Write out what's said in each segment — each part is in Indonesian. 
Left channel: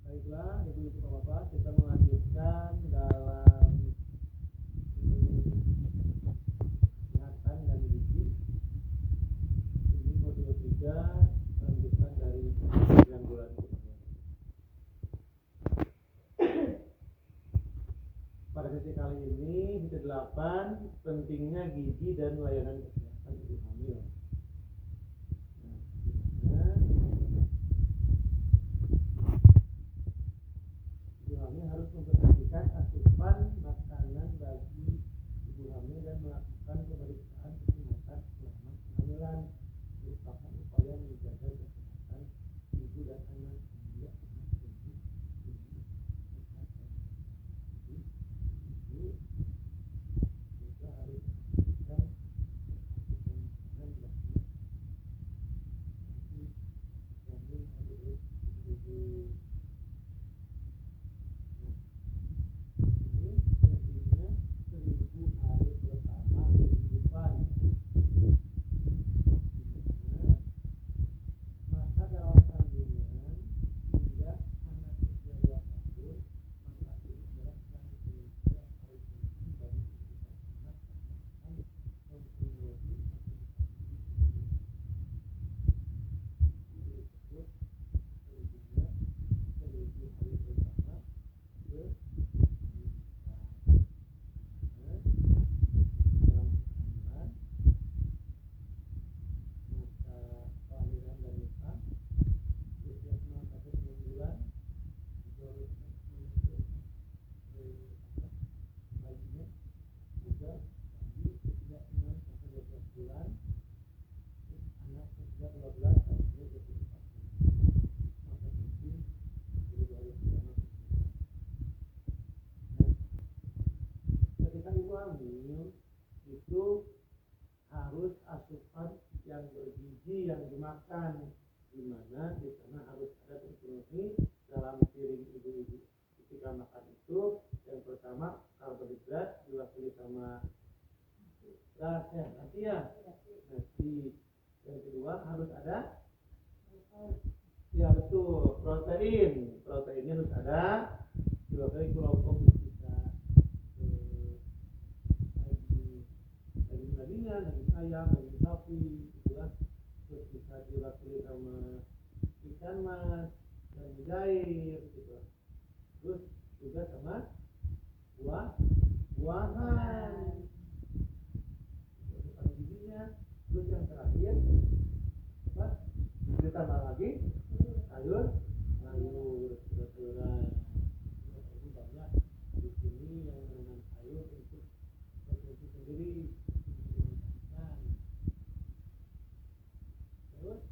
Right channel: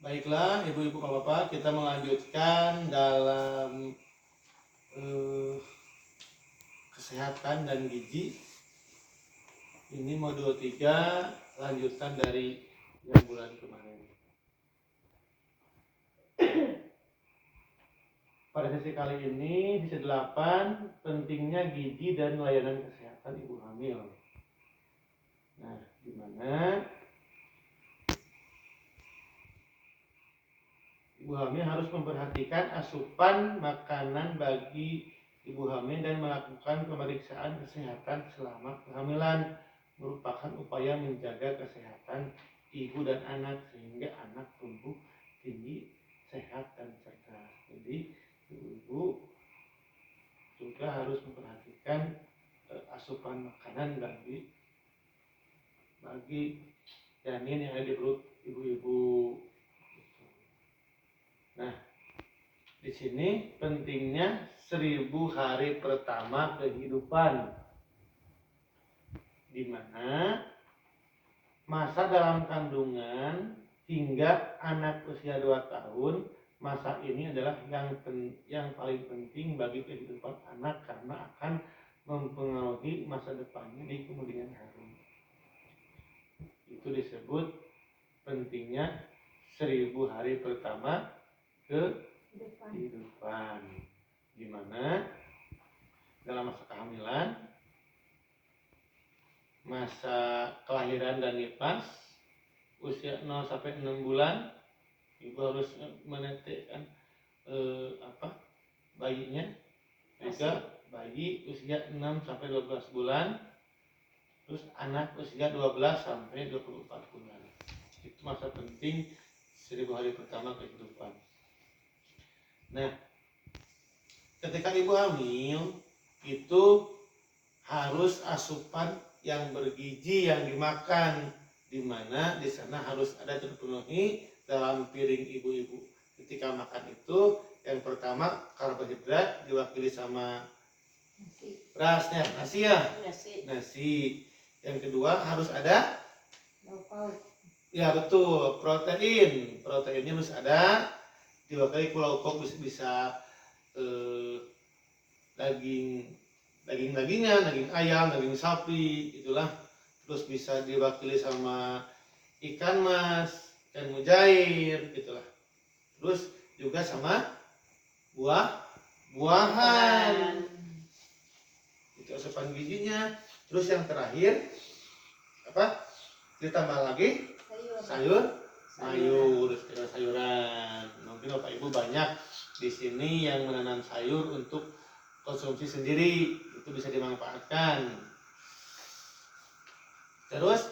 Baiklah, ibu-ibu bapak, kita melanjutkan dalam kesehatan dan gizi. Ini modul 3, lanjutan dari yang bulan kemarin. Pada sesi kali ini, sesi 8, pentingnya gizi dan layanan kesehatan ibu hamil. Nah, gimana? Ibu hamil harus memperhatikan asupan makanan bagi ibu hamil dan melakukan pemeriksaan kesehatan selama kehamilan. Merupakan upaya menjaga kesehatan ibu dan anak sehingga anak tumbuh tinggi, sehat dan cerdas. Jadi ibu juga harus memperhatikan asupan makanan bagi janin yang ada di perut ibu-ibu. Nah, di sini pentingnya 1000 hari pertama kehidupan, di mana masa dalam kandungan hingga anak usia 2 tahun. Masa ini adalah yang paling penting bagi kehidupan anak karena akan mempengaruhi masa depannya di kemudian hari. Itu disebut pentingnya 1000 hari pertama kehidupan, di mana dalam masa kehamilan, masa kelahiran dan nifas, usia 0 sampai 6 bulan, ibu harus menetekkan bayinya. Juga bayi usia 6 sampai 12 bulan, terus anak usia 12 sampai 24 bulan. Itu masa penting 1000 hari pertama kehidupan. Nah, ketika ibu hamil itu harus asupan yang bergizi yang dimakan, di mana di sana harus ada terpenuhi dalam piring ibu-ibu. Ketika makan itu, yang pertama karbohidrat diwakili sama berasnya, nasi ya, nasi. Yang kedua harus ada, ya betul, proteinnya harus ada, diwakili pulau pauk, bisa daging-dagingan, daging ayam, daging sapi, itulah. Terus bisa diwakili sama ikan mas, ikan mujair, gitulah. Terus juga sama buah-buahan, itu asupan gizinya. Terus yang terakhir apa? Ditambah lagi sayuran. Mungkin bapak ibu banyak di sini yang menanam sayur untuk konsumsi sendiri, itu bisa dimanfaatkan. Terus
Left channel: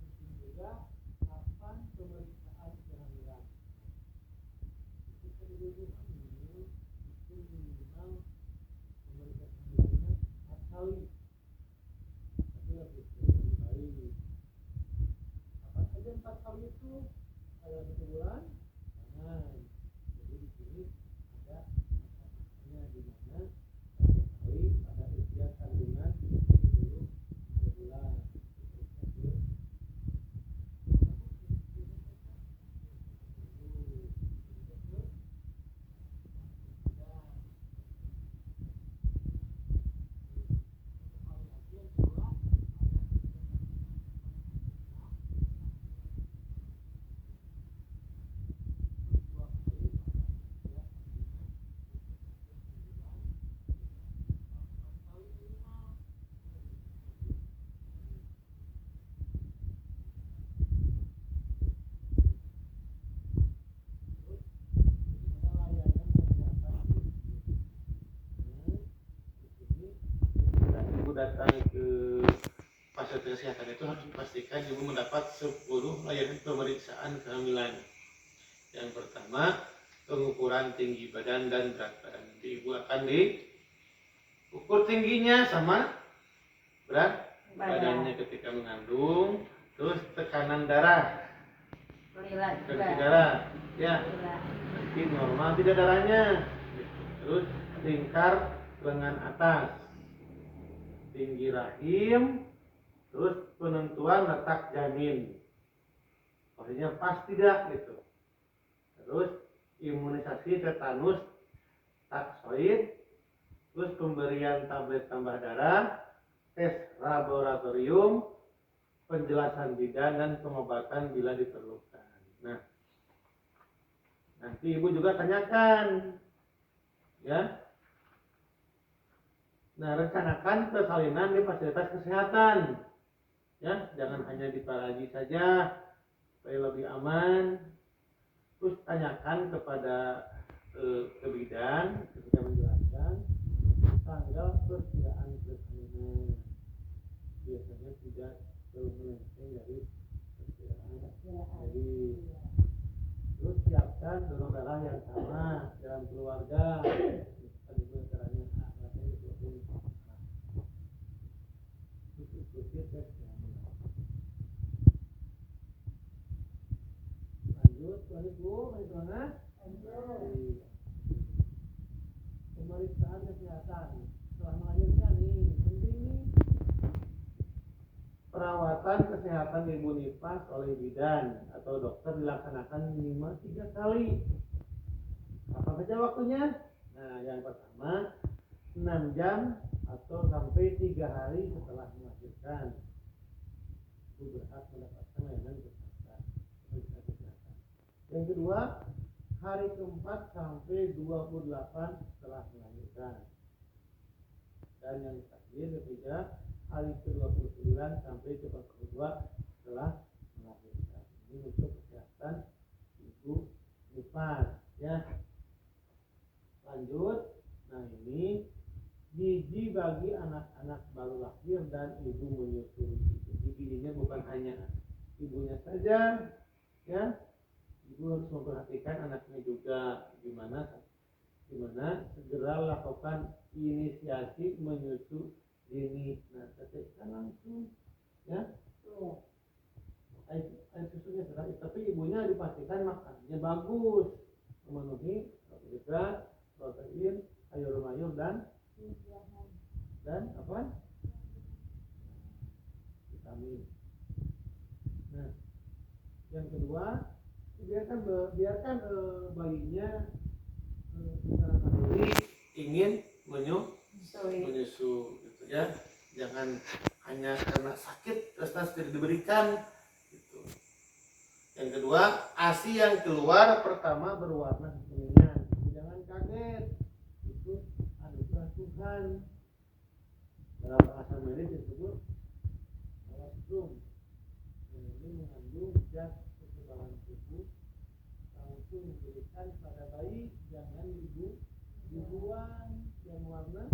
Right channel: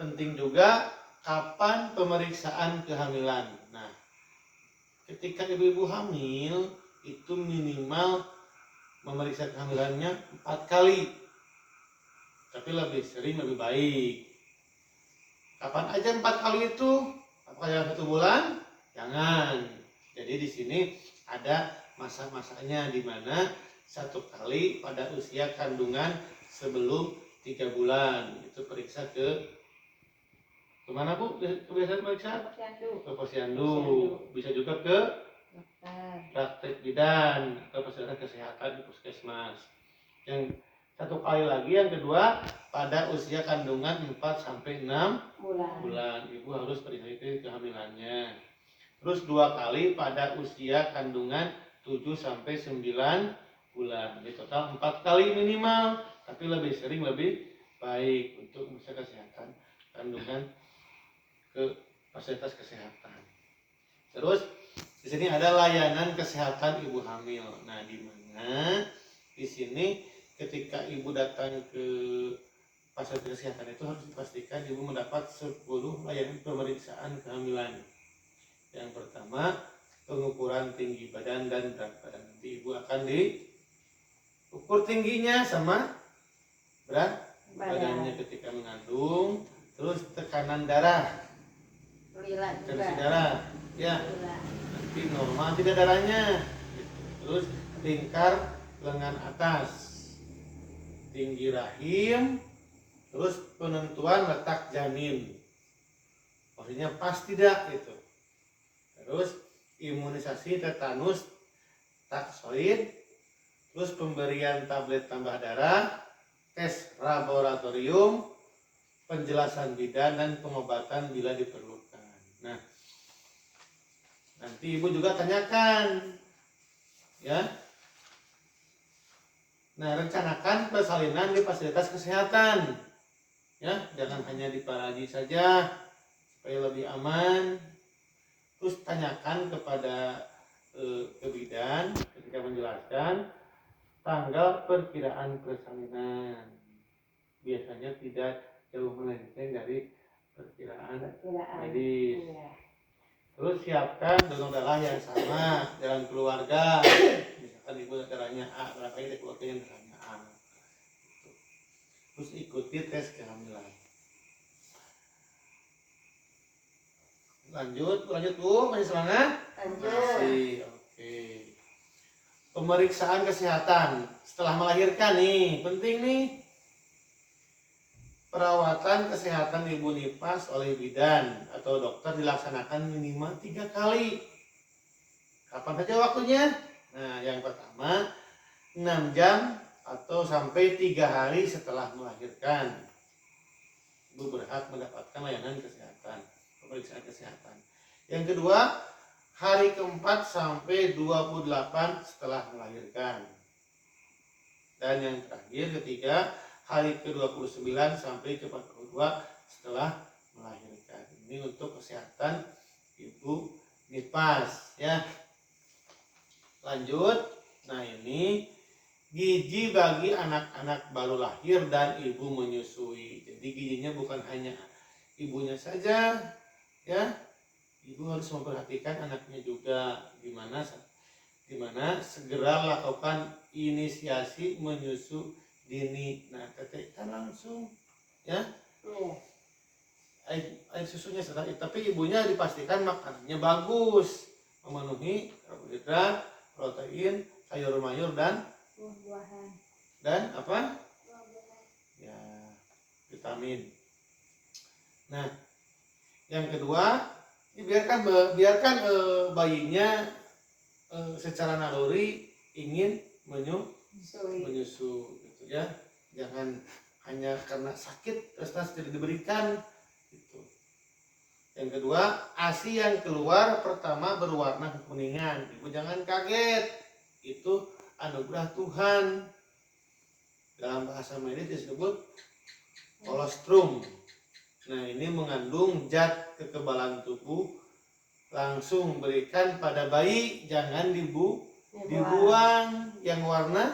penting juga kapan pemeriksaan kehamilan. Nah, ketika ibu-ibu hamil itu minimal memeriksa kehamilannya 4 kali, tapi lebih sering lebih baik. Kapan aja 4 kali itu? Apakah dalam 1 bulan? Jangan. Jadi di sini ada masa-masanya, di mana 1 kali pada usia kandungan sebelum 3 bulan. Itu periksa kemana bu? Kebiasaan periksa? Ke posyandu. Bisa juga ke praktek bidan atau fasilitas kesehatan di puskesmas. Yang 1 kali lagi, yang kedua pada usia kandungan 4 sampai 6 bulan. Ibu harus periksa itu kehamilannya. Terus 2 kali pada usia kandungan 7 sampai 9 bulan. Di total 4 kali minimal, tapi lebih sering lebih baik untuk memeriksa kesehatan kandungan ke fasilitas kesehatan. Terus di sini ada layanan kesehatan ibu hamil. Nah, di mana di sini ketika ibu datang ke fasilitas kesehatan itu harus dipastikan ibu mendapat 10 layanan pemeriksaan kehamilan. Yang pertama, pengukuran tinggi badan dan berat badan. Nanti ibu akan diukur tingginya sama berat badannya ketika mengandung. Terus tekanan darah, tensi darah, ya, nanti normal tidak darahnya. Terus lingkar lengan atas, tinggi rahim, terus penentuan letak janin, maksudnya pas tidak gitu. Terus imunisasi tetanus taksoid, terus pemberian tablet tambah darah, tes laboratorium, penjelasan bidan dan pengobatan bila diperlukan. Nah, nanti ibu juga tanyakan, ya. Nah, rencanakan persalinan di fasilitas kesehatan, ya, jangan hanya di Paraji saja supaya lebih aman. Terus tanyakan kepada ke bidan ketika menjelaskan tanggal perkiraan persalinan. Biasanya tidak jauh melenceng dari perkiraan medis. Iya. Terus siapkan donor darah yang sama dalam keluarga. Misalkan ibu darahnya A, berapa ini keluarga yang darahnya A. Terus ikuti tes kehamilan. Lanjut Bu, masih semangat? Masih, oke. Pemeriksaan kesehatan setelah melahirkan nih, penting nih. Perawatan kesehatan ibu nifas oleh bidan atau dokter dilaksanakan minimal 3 kali. Kapan saja waktunya? Nah, yang pertama 6 jam atau sampai 3 hari setelah melahirkan. Ibu berhak mendapatkan layanan kesehatan, pemeriksaan kesehatan. Yang kedua, hari keempat sampai 28 setelah melahirkan. Dan yang terakhir ketiga, hari ke-29 sampai ke-42 setelah melahirkan. Ini untuk kesehatan ibu nifas, ya. Lanjut. Nah, ini gizi bagi anak-anak baru lahir dan ibu menyusui. Jadi gizinya bukan hanya ibunya saja, ya. Ibu harus memperhatikan anaknya juga. Gimana segera lakukan inisiasi menyusu dini. Nah, tetekkan langsung, ya. Air susunya sedang, tapi ibunya dipastikan makanannya bagus, memenuhi karbohidrat, protein, sayur mayur dan buah-buahan. Dan apa? Ya, vitamin. Nah, yang kedua, biarkan bayinya secara naluri ingin menyusu gitu, ya. Jangan hanya karena sakit terus tidak diberikan gitu. Yang kedua, ASI yang keluar pertama berwarna kekuningan. Ibu jangan kaget, itu anugerah Tuhan. Dalam bahasa medis disebut kolostrum. Nah, ini mengandung zat kekebalan tubuh. Langsung berikan pada bayi, jangan dibuang. Yang warna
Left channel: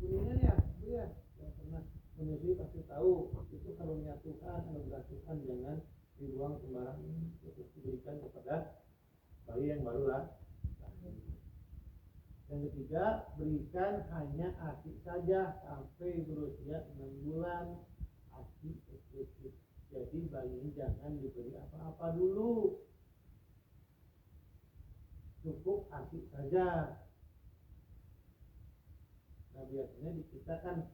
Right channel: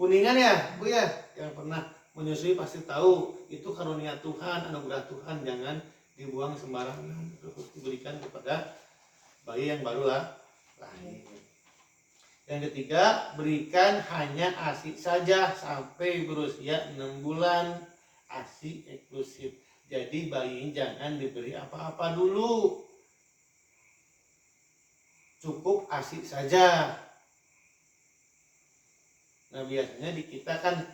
kuningan, ya Bu, ya. Yang pernah menyusui pasti tahu, itu karunia Tuhan, anugerah Tuhan. Jangan dibuang sembarangan, terus diberikan kepada bayi yang baru lahir. Yang ketiga, berikan hanya ASI saja sampai berusia 6 bulan. ASI eksklusif. Jadi bayi jangan diberi apa-apa dulu, cukup ASI saja. Nah, biasanya di kita kan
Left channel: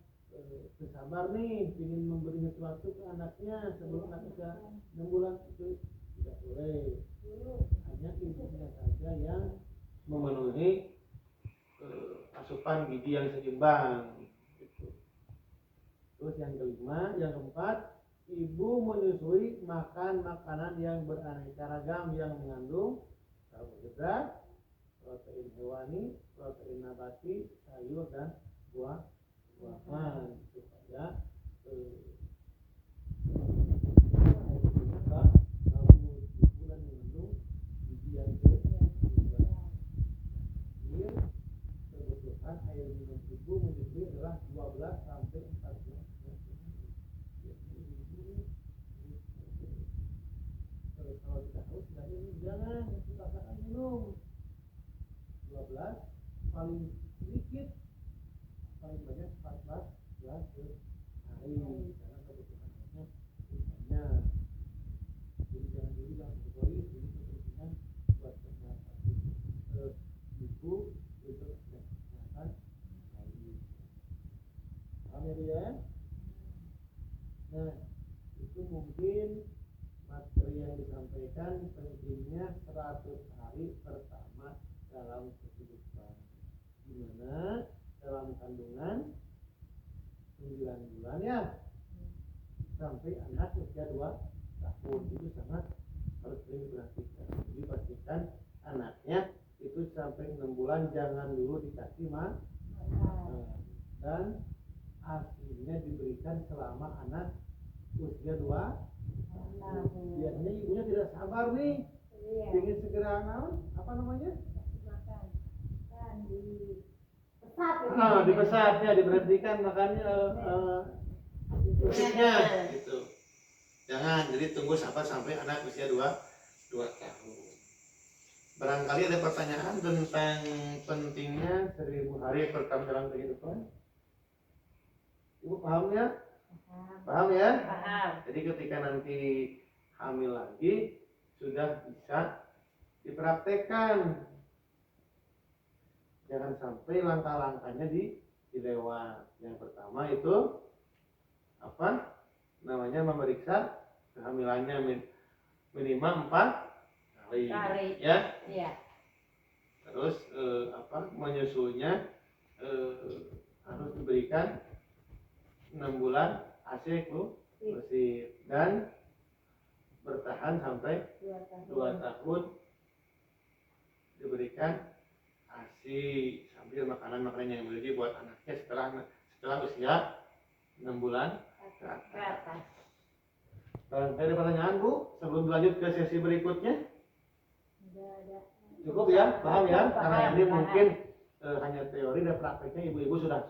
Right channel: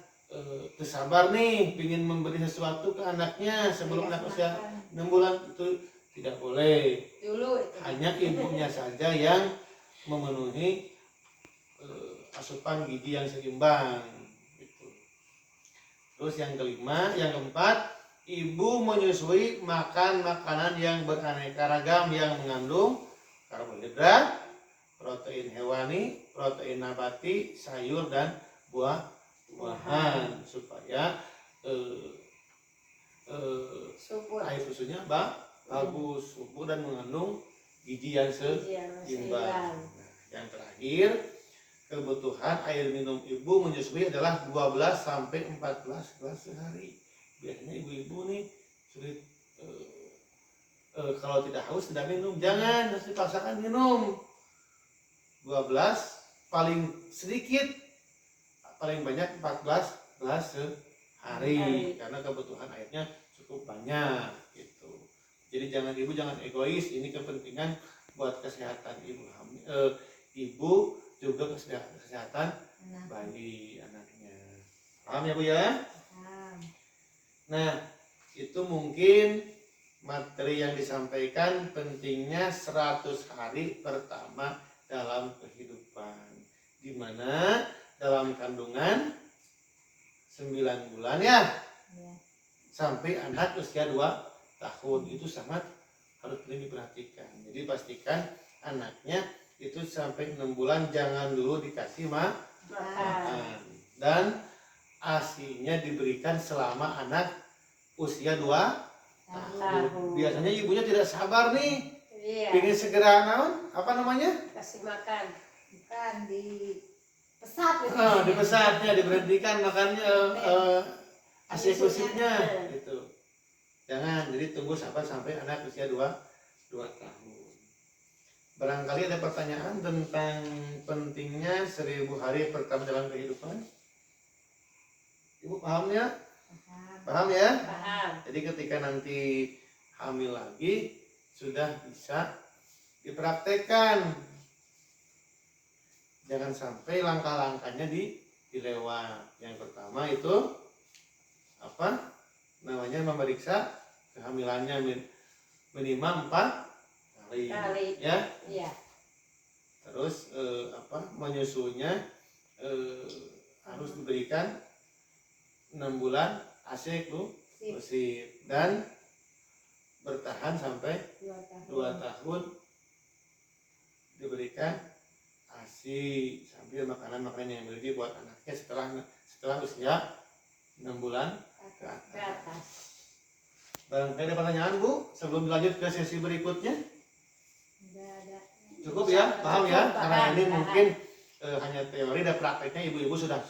tersabar nih, ingin memberi sesuatu ke anaknya sebelum anak usia 6 bulan. Itu tidak boleh. Hanya ibunya saja yang memenuhi asupan gizi yang seimbang gitu. Terus yang keempat, ibu menyusui makan makanan yang beraneka ragam yang mengandung karbohidrat, protein hewani, protein nabati, sayur dan buah-buahan supaya air susunya bagus, subur dan mengandung gizi yang seimbang. Yang terakhir, kebutuhan air minum ibu menyusui adalah 12 sampai 14 gelas sehari. Biasanya ibu-ibu nih sulit, kalau tidak haus tidak minum. Jangan, harus dipaksakan minum. 12, paling sedikit, paling banyak 14 gelas sehari, karena kebutuhan airnya cukup banyak gitu. Jadi ibu jangan egois, ini kepentingan buat kesehatan ibu juga kesehatan bayi anaknya. Paham ya Bu, ya? Nah, itu mungkin materi yang disampaikan pentingnya 100 hari pertama dalam kehidupan, di mana dalam kandungan 9 bulan ya, sampai anak usia 2 tahun itu sangat harus diperhatikan. Jadi pastikan anaknya itu sampai 6 bulan jangan dulu dikasih makan, dan ASI-nya diberikan selama anak usia 2 tahun. Biasanya ibunya tidak sabar nih, ingin segera apa namanya? Kasih makan. Kan di pesat. Di pesatnya diberhentikan makannya, ASI eksklusifnya gitu. Jangan, jadi tunggu sampai anak usia 2 tahun. Barangkali ada pertanyaan tentang pentingnya 1000 hari pertama dalam kehidupan. Ibu paham ya? Paham ya? Paham. Jadi ketika nanti hamil lagi sudah bisa dipraktekkan. Jangan sampai langkah-langkahnya dilewat. Yang pertama itu apa? Namanya memeriksa kehamilannya minimal 4 kali. Ya. Iya. Terus menyusunya harus diberikan 6 bulan ASI eksklusif dan bertahan sampai 2 tahun diberikan ASI sambil makanan yang bergizi buat anaknya setelah usia 6 bulan ke atas. Barangkali ada pertanyaan Bu sebelum lanjut ke sesi berikutnya? Cukup ya, paham ya? Karena ini mungkin hanya teori dan prakteknya ibu-ibu sudah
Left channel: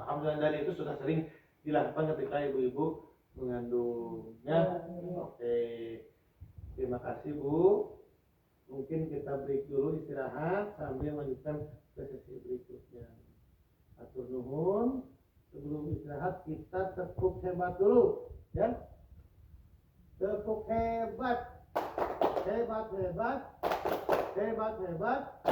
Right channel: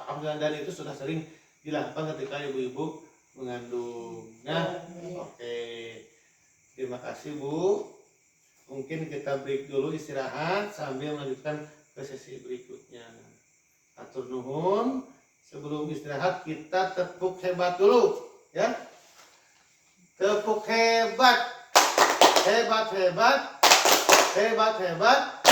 paham dan itu sudah sering dilakukan ketika ibu-ibu mengandung. Ya, oke. Terima kasih Bu. Mungkin kita break dulu istirahat sambil melanjutkan ke sesi berikutnya. Atur nuhun. Sebelum istirahat kita tepuk hebat dulu, ya. Tepuk hebat, hebat, hebat, hebat, hebat,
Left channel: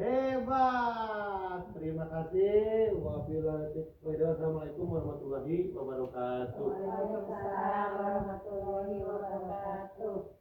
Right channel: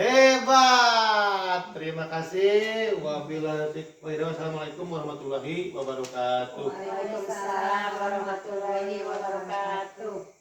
hebat. Terima kasih. Wassalamualaikum warahmatullahi wabarakatuh. Waalaikumsalam warahmatullahi wabarakatuh.